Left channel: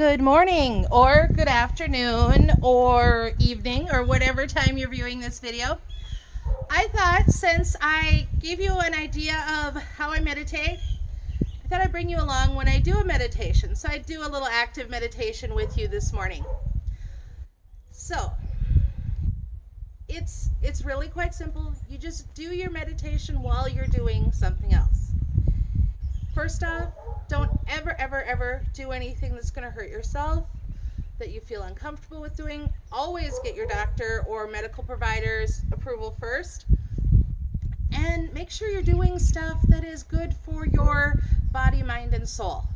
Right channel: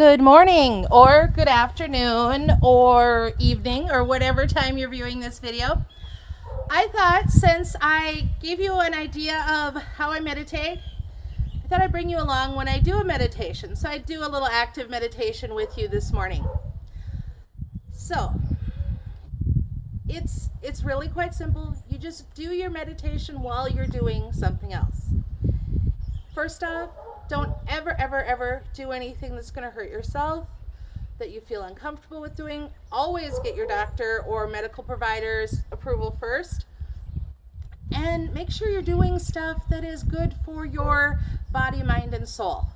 Good morning or good afternoon or evening or whatever time you're viewing this video. I thought since I gave you an idea of how I meditate, I thought I'd bring you along when I do a meditation. So I do a little active meditation with you this morning. So it's really quite simple. You just do your meditation while you're doing something else. First off, don't ever do anything that's going to hurt yourself, that you feel uncomfortable with doing. Always get your doctor or medical provider's approval first. And make sure you're doing stuff that is good for your body, mind, and soul.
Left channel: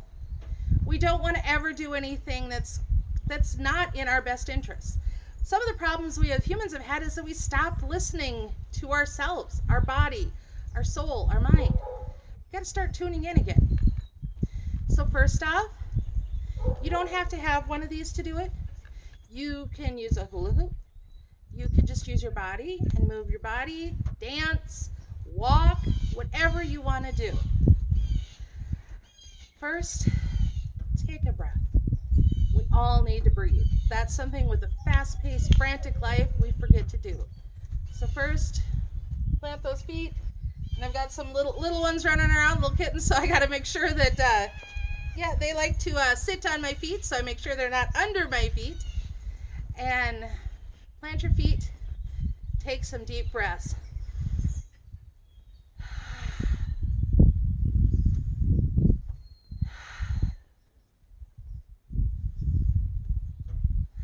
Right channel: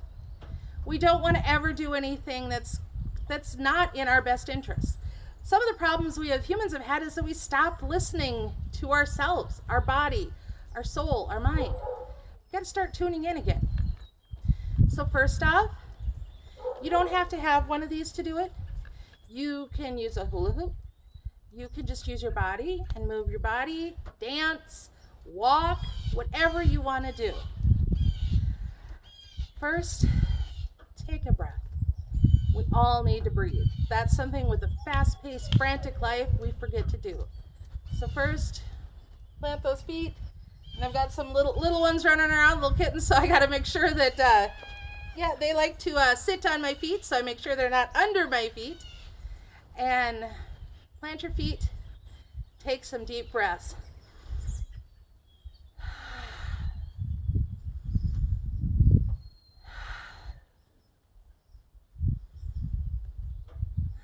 We don't want to ever do anything that's not in our best interest. Some of the problems we as humans have had is that we stopped listening to ourselves, our body, our soul, our mind. We got to start tuning in again. So first off, you don't have to have one of these to do it. You can use a hula hoop. You can just use your body and move your body, dance, walk, whatever you want to do. First, take a breath. We all need to breathe. That's something with a fast-paced, frantic life we forget to do. So first, plant those feet. And I've got some little ones running around, little kittens, so I got to make sure that they like to sit on my feet, so I make sure they're not under my feet. And plant your feet. Take some deep breaths.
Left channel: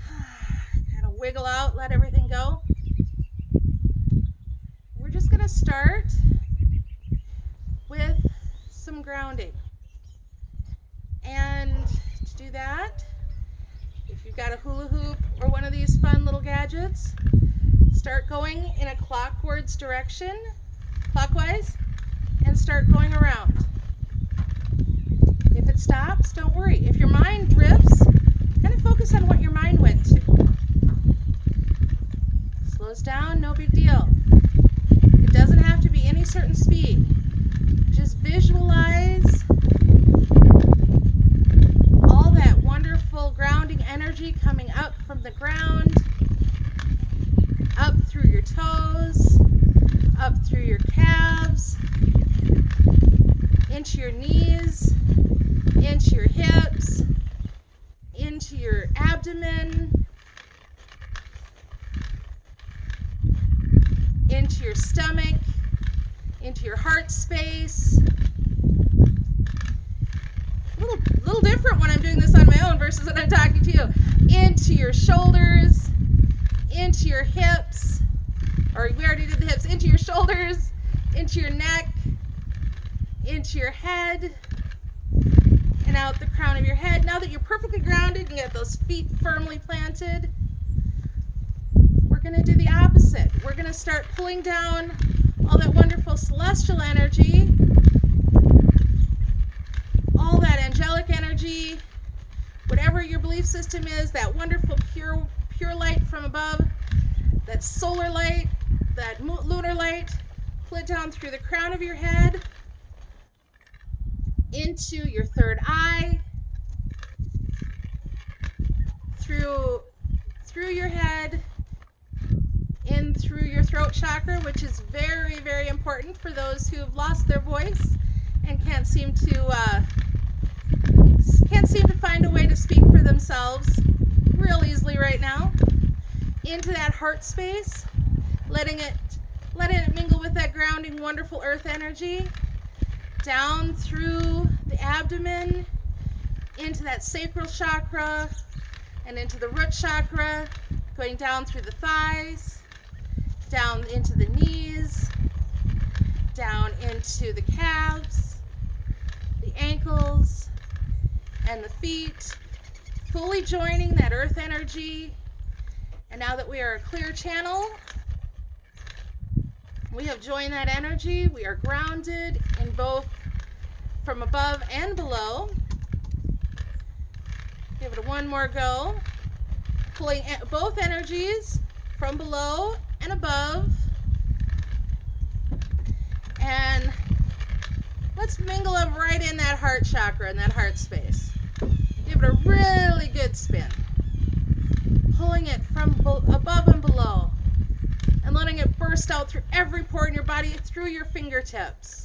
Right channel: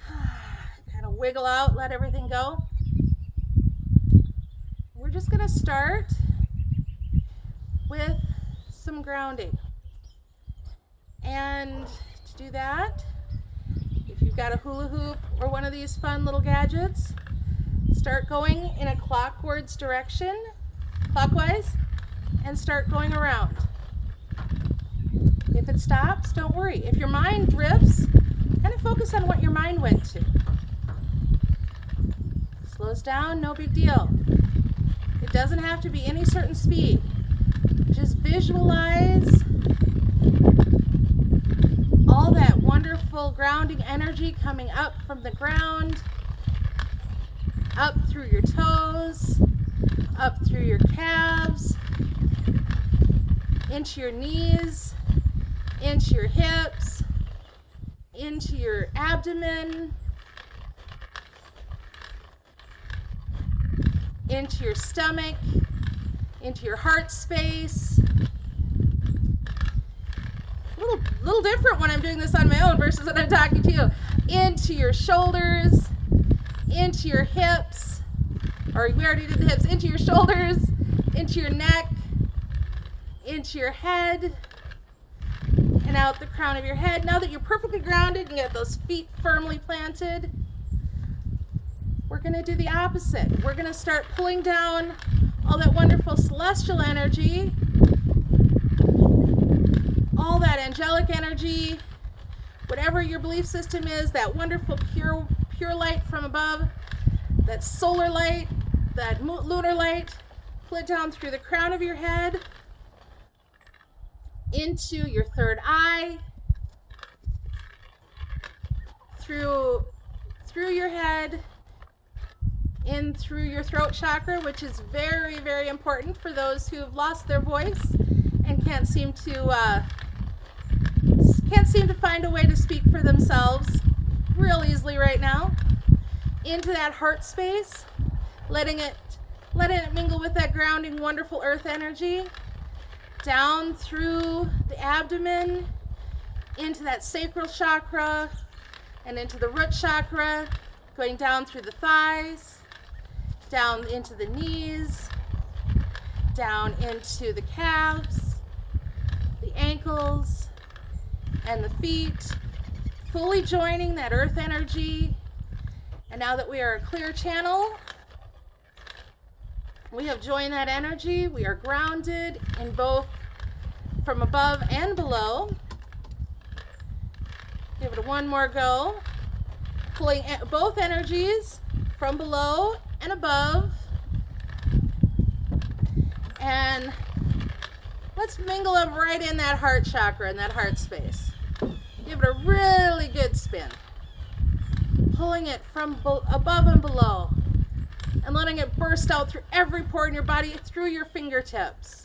Kind of wiggle out, let everything go. We're just going to start with some grounding. And to do that, if you've got a hula hoop or one of these fun little gadgets, start going in a clockwise direction, and start going around. If it stops, don't worry. If your mind drifts, kind of focus on what your mind went to. Slows down, no big deal. It doesn't have to be any certain speed. Just visualize all that wonderful grounding energy coming up from the ground, up through your toes, up through your calves, into your knees, into your hips, into your abdomen, into your stomach, into your heart space. A little different when I'm doing this on my own versus when I'm talking to you. Into your shoulders, into your hips, or we already did the hips, into your shoulders, into your neck, into your head, and out the crown of your head. Now that you're perfectly grounded and get those feet firmly planted, we're going to do the opposite. We're going to start pulling down all that wonderful celestial energy, all that angelic energy, whatever your belief system is, that wonderful pure light from above, that solar light, that lunar light, pull it down through the crown of your head, into your third eye, through your head, in through your throat chakra, which is very, very important for those who have lost their voice and can't seem to find a way to speak for themselves real easily right now. Into that heart space, letting it mingle with that grounding, wonderful earth energy, down through the abdomen, into that sacral chakra, and into the root chakra, going down through the thighs, down into the knees, down into the calves, the ankles, and the feet, fully joining that earth energy. And now that we are a clear channel, we have joined that energy. We are grounded in both from above and below. Give it one more go. Pulling both energies from below and above. And let's mingle them right in that heart chakra, in that heart space. Give it a really really good spin. Pulling it from above and below and letting it burst out through every pore in your body, through your fingertips.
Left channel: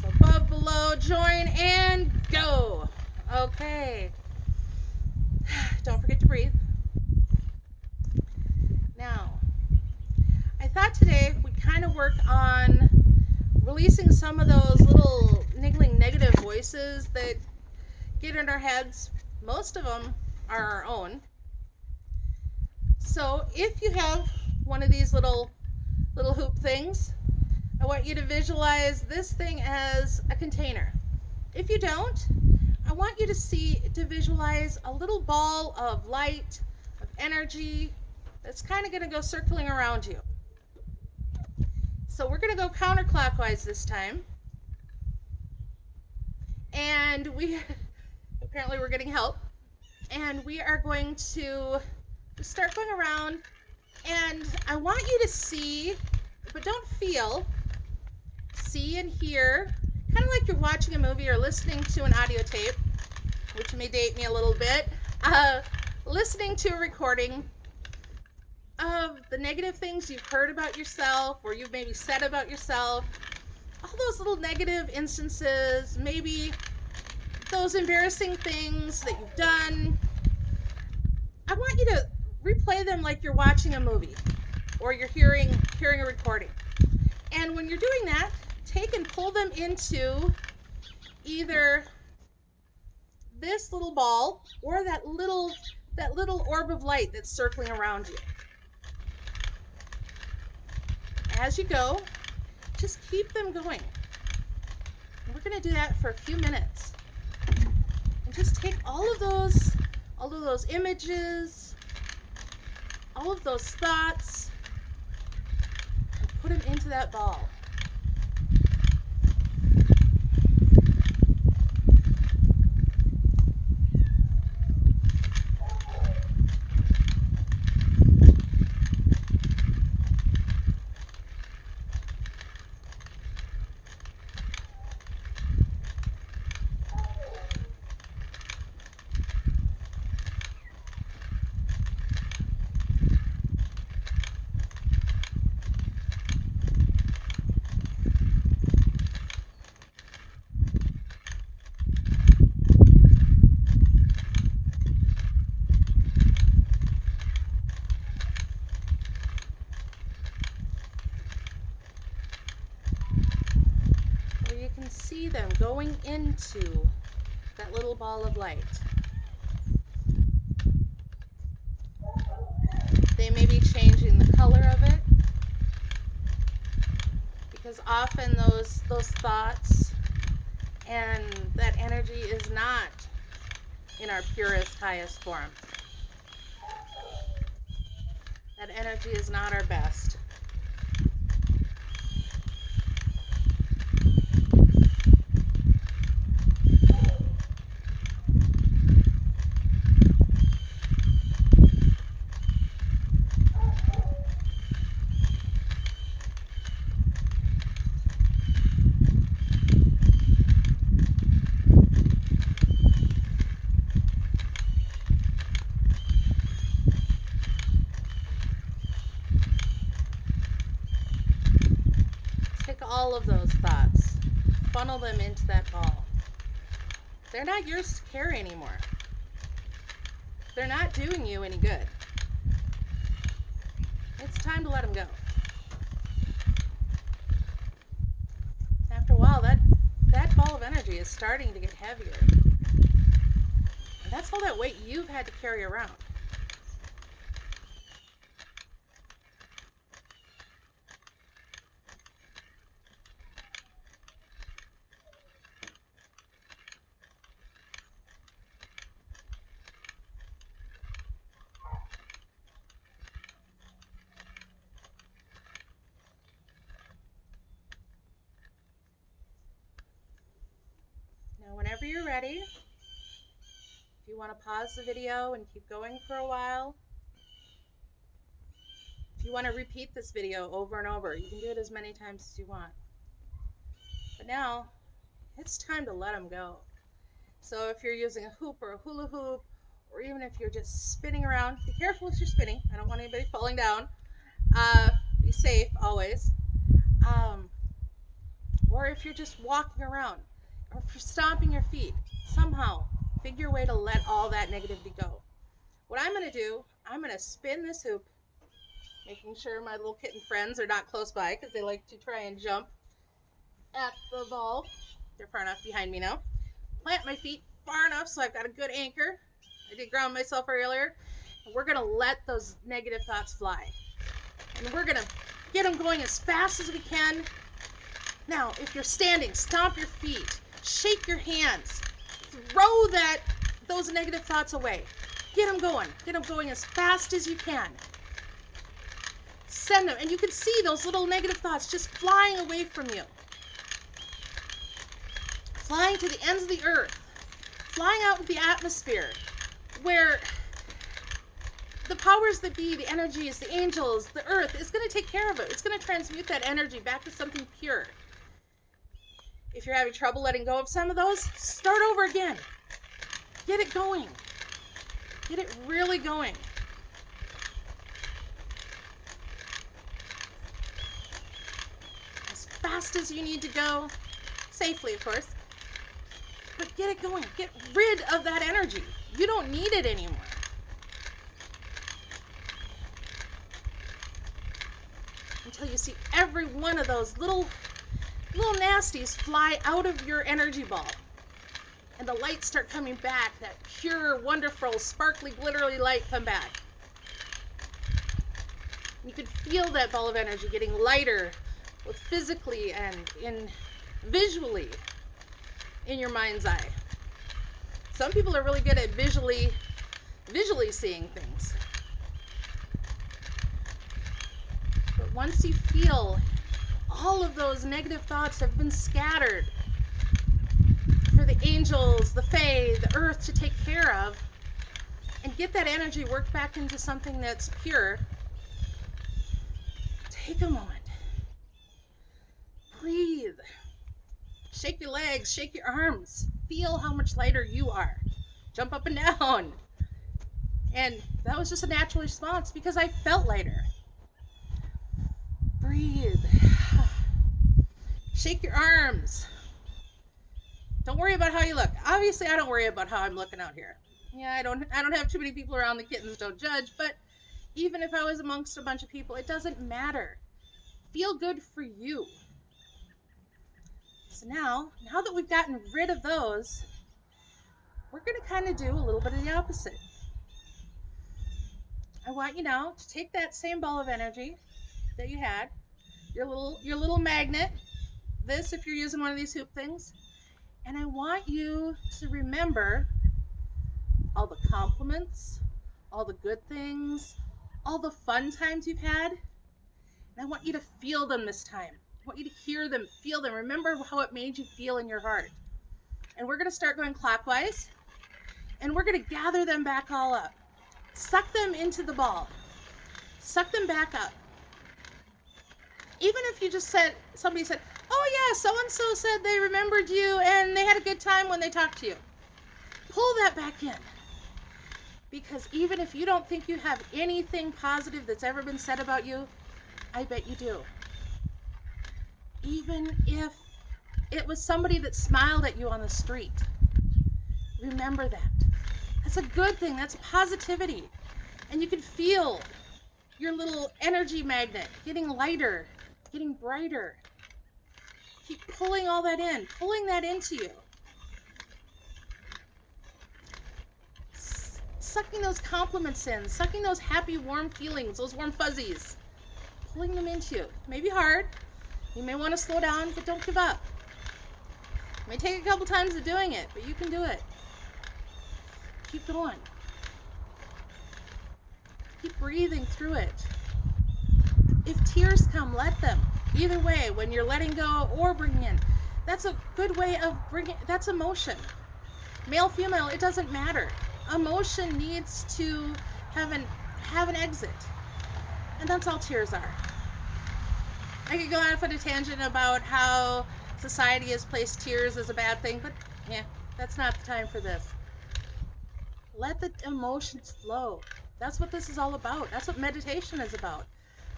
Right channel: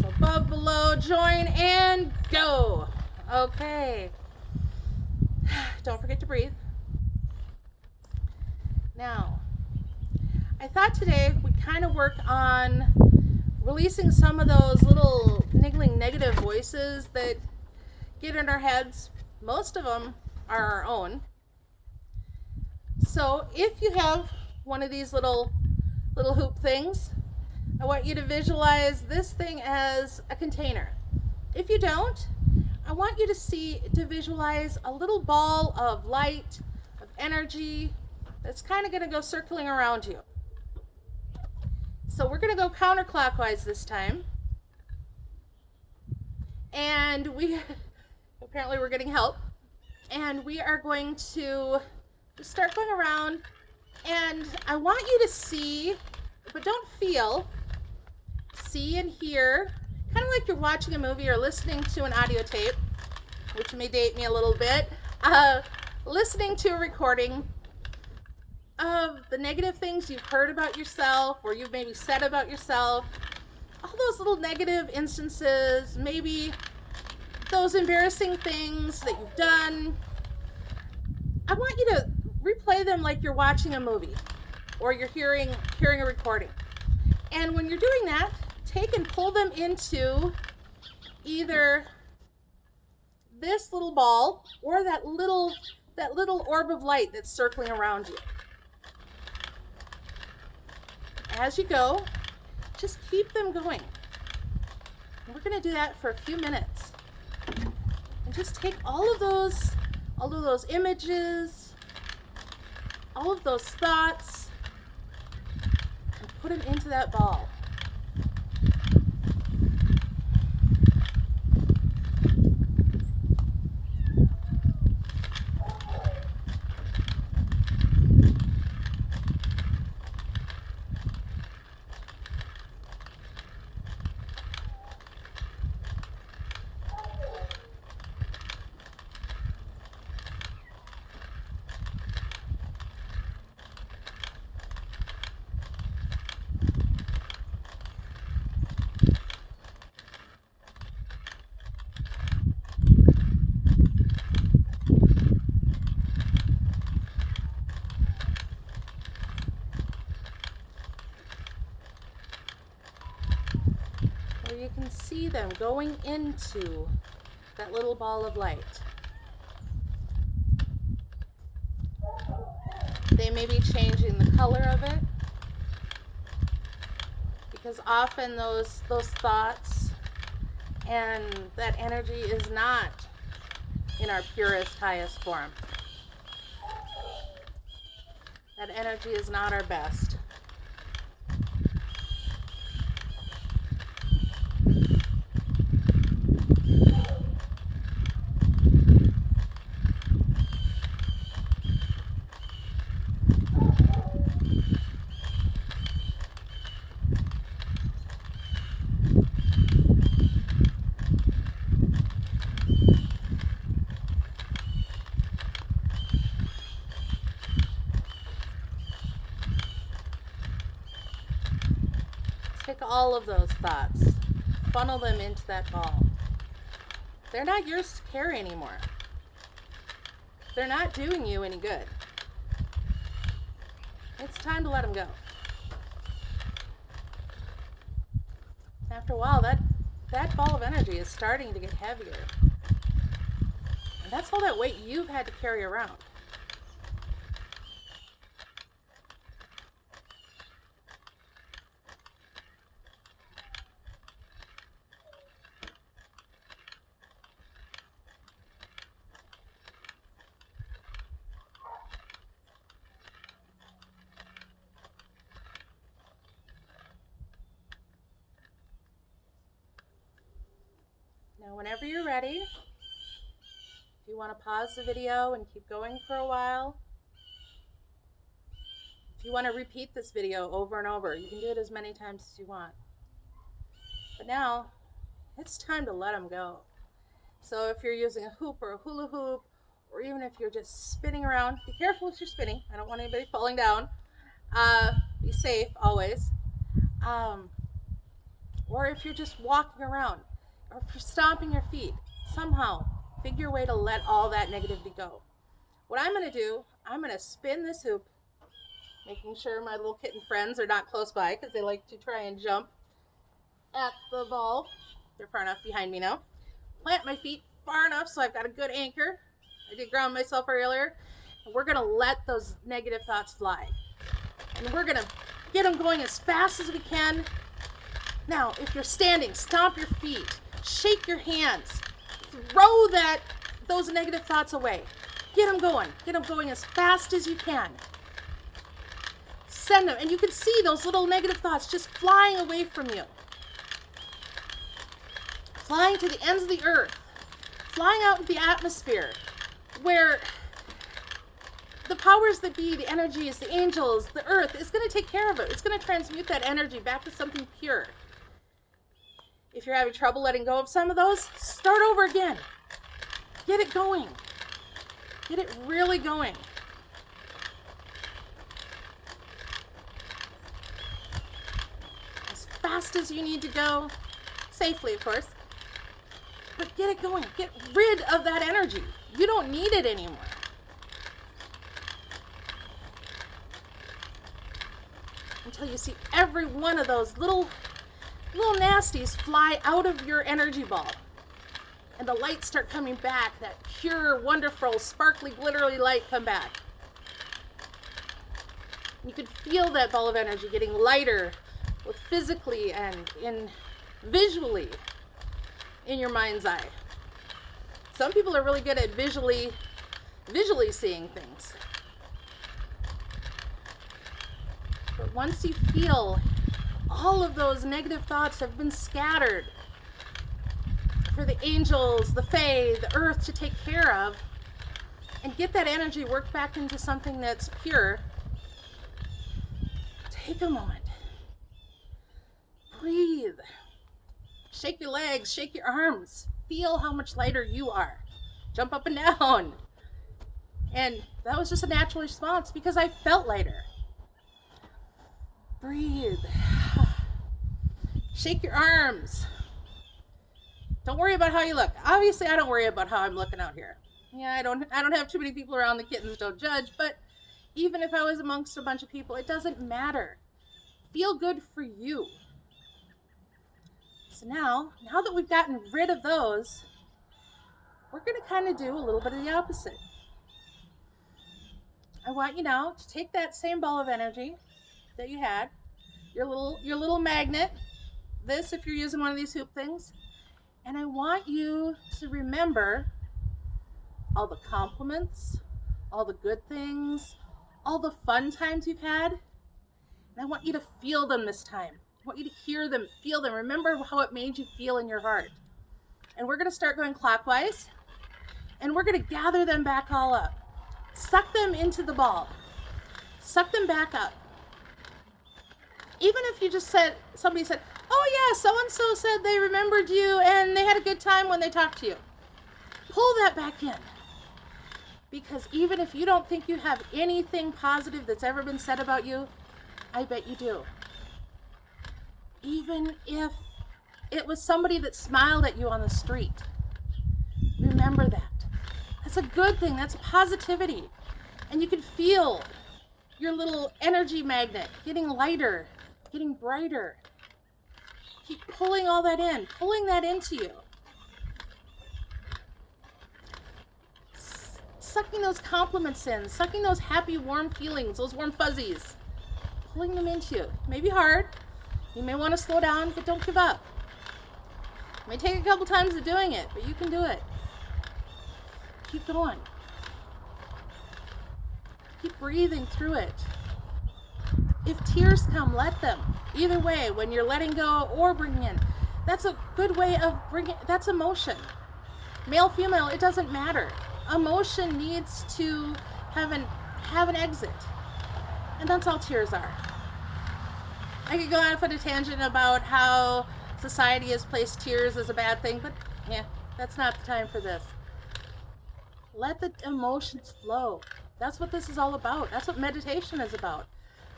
So above, below, join, and go. Okay. Don't forget to breathe. Now, I thought today we'd kind of work on releasing some of those little niggling negative voices that get in our heads. Most of them are our own. So if you have one of these little hoop things, I want you to visualize this thing as a container. If you don't, I want you to visualize a little ball of light, of energy, that's kind of going to go circling around you. So we're going to go counterclockwise this time. And apparently we're getting help. And we are going to start going around. And I want you to see, but don't feel, see and hear, kind of like you're watching a movie or listening to an audio tape, which may date me a little bit, listening to a recording of the negative things you've heard about yourself or you've maybe said about yourself, all those little negative instances, maybe those embarrassing things that you've done. I want you to replay them like you're watching a movie or you're hearing a recording. And when you're doing that, take and pull them into either this little ball or that little orb of light that's circling around you. As you go, just keep them going. And we're going to do that for a few minutes. And just take all of those images, all of those thoughts, and put them into that ball. You can see them going into that little ball of light. They may be changing the color of it, because often those thoughts and that energy is not in our purest, highest form. That energy is not our best. Take all of those thoughts, funnel them into that ball. They're not yours to carry anymore. They're not doing you any good. It's time to let them go. After a while, that ball of energy is starting to get heavier. And that's all that weight you've had to carry around. Now, whenever you're ready, if you want to pause the video and keep going for a while, if you want to repeat this video over and over, you can do it as many times as you want. But now, it's time to let them go. So if you're using a hoop or a hula hoop, or even if you're just spinning around, be careful if you're spinning. I don't want anybody falling down. Be safe always. Um, or if you're just walking around, or if you're stomping your feet, somehow figure a way to let all that negativity go. What I'm going to do, I'm going to spin this hoop, making sure my little kitten friends are not close by because they like to try and jump at the ball. They're far enough behind me now. Plant my feet far enough so I've got a good anchor. I did ground myself earlier. And we're going to let those negative thoughts fly. And we're going to get them going as fast as we can. Now, if you're standing, stomp your feet, shake your hands, throw those negative thoughts away. Get them going as fast as you can. Send them, and you can see those little negative thoughts just flying away from you. Flying to the ends of the earth, flying out into the atmosphere, where the powers that be, the energies, the angels, the earth is going to take care of it. It's going to transmute that energy back to something pure. If you're having trouble letting go of some of those, start over again. Get it going. Get it really going. As fast as you need to go, safely, of course. But get it going. Get rid of that energy. You don't need it anymore. Until you see every one of those little nasties fly out of your energy ball. And the lights start coming back. That pure, wonderful, sparkly, glittery light come back. You can feel that ball of energy getting lighter, both physically and visually in your mind's eye. Some people are really good at visually seeing things. But once you feel all of those negative thoughts have been scattered for the angels, the fae, the earth to take care of, and get that energy worked back into something that's pure, take a moment. Breathe. Shake your legs, shake your arms. Feel how much lighter you are. Jump up and down. And that was just a natural response because I felt lighter. Breathe. Shake your arms. Don't worry about how you look. Obviously, I don't worry about how I'm looking out here. Yeah, I don't have too many people around. The kittens don't judge, but even if I was amongst a bunch of people, it doesn't matter. Feel good for you. So now that we've gotten rid of those, we're going to kind of do a little bit of the opposite. I want you now to take that same ball of energy that you had, your little magnet, this if you're using one of these hoop things, and I want you to remember all the compliments, all the good things, all the fun times you've had, and I want you to feel them this time. I want you to hear them, feel them. Remember how it made you feel in your heart. And we're going to start going clockwise, and we're going to gather them back all up. Suck them into the ball. Suck them back up. Even if you just somebody said, oh yeah, so-and-so said they remembered you and they had a good time when they talked to you. Pull that back in. Because even if you don't think you have anything positive that's ever been said about you, I bet you do. Even if it was somebody that smiled at you on the street, remember that. That's a good thing. That's positivity. And you can feel your little energy magnet getting lighter, getting brighter. Keep pulling all that in, pulling that into you. Sucking those compliments in, sucking those happy, warm feelings, those warm fuzzies, pulling them into you. It may be hard. You may want to slow down, but don't give up. It may take a couple times of doing it, but you can do it. Keep going. Keep breathing through it. If tears come, let them. Either way, when you're letting go or bringing in, that's a good way of bringing, that's emotion. Male, female, it doesn't matter. Emotion needs to have an exit. And that's all tears are. I could go off on a tangent about how society has placed tears as a bad thing, but yeah, That's not the time for this. Let the emotions flow. That's what this is all about. That's what meditation is about.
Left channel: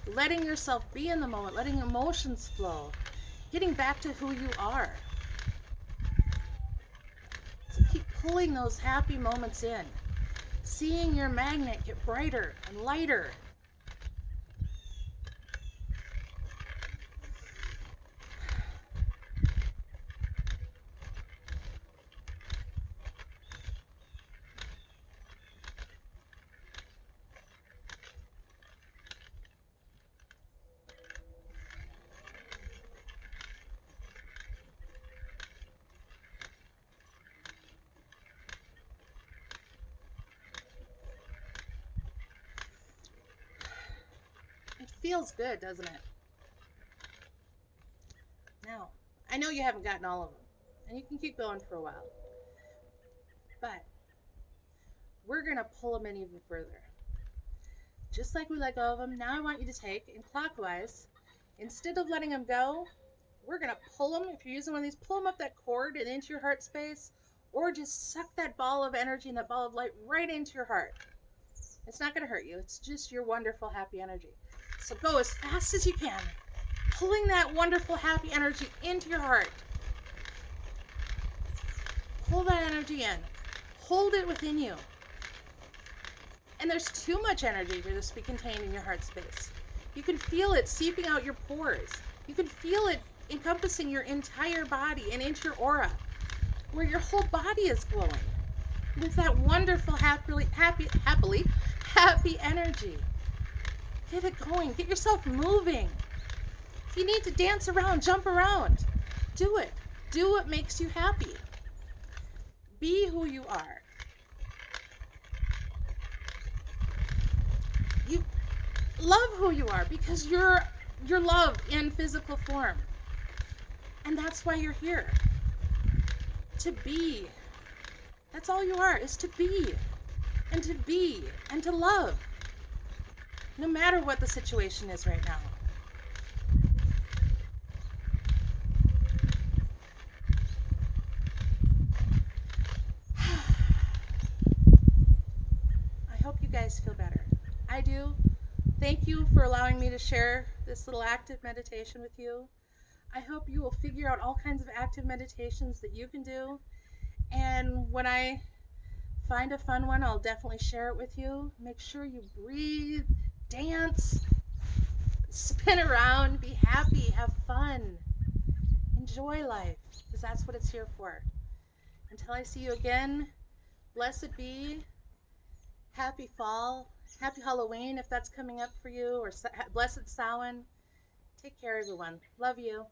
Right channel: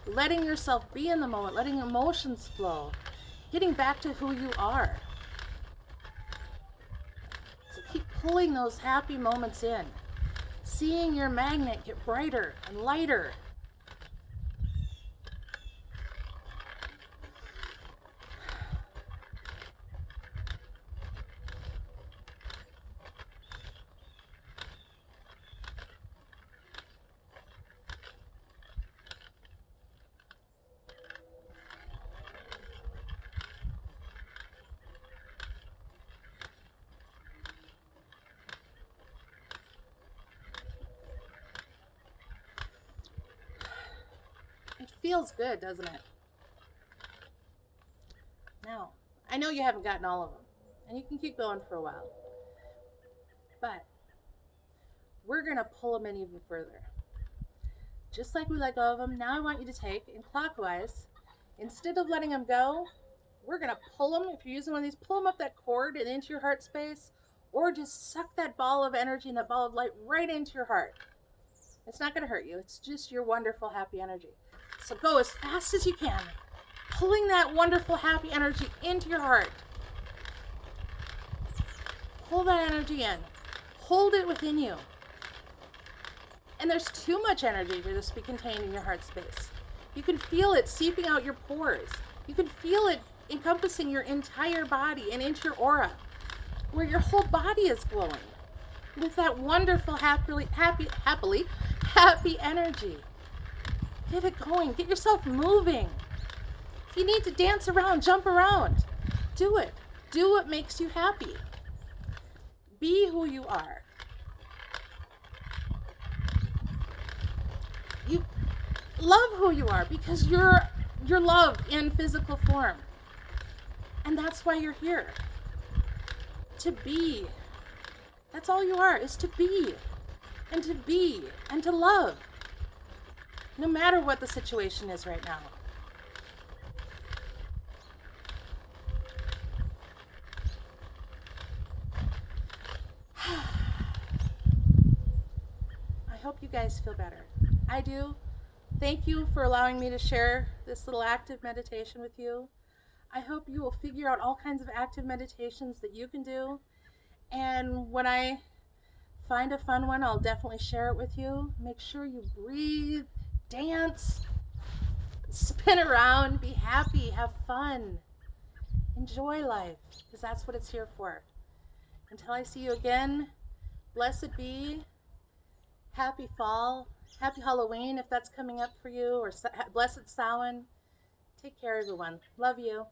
Letting yourself be in the moment, letting emotions flow, getting back to who you are. So keep pulling those happy moments in, seeing your magnet get brighter and lighter. It feels good, doesn't it? Now, I know you haven't gotten all of them, and you can keep going for a while, but we're going to pull them in even further. Just like we let go of them, now I want you to take, in clockwise, instead of letting them go, we're going to pull them. If you're using one of these, pull them up that cord and into your heart space, or just suck that ball of energy and that ball of light right into your heart. It's not going to hurt you. It's just your wonderful, happy energy. So go as fast as you can, pulling that wonderful, happy energy into your heart. Pull that energy in. Hold it within you. And there's too much energy to just be contained in your heart space. You can feel it seeping out your pores. You can feel it encompassing your entire body and into your aura, where your whole body is glowing with that wonderful, happy energy. Get it going. Get yourself moving. If you need to dance around, jump around, do it. Do what makes you happy. Be who you are. You love who you are because you're love in physical form. And that's why you're here. To be. That's all you are, is to be. And to be. And to love. No matter what the situation is right now. I hope you guys feel better. I do. Thank you for allowing me to share this little active meditation with you. I hope you will figure out all kinds of active meditations that you can do. And when I find a fun one, I'll definitely share it with you. Make sure you breathe, dance, spin around, be happy, have fun, enjoy life, because that's what it's here for. Until I see you again, blessed be, happy fall, happy Halloween if that's coming up for you, or blessed Samhain. Take care, everyone. Love you.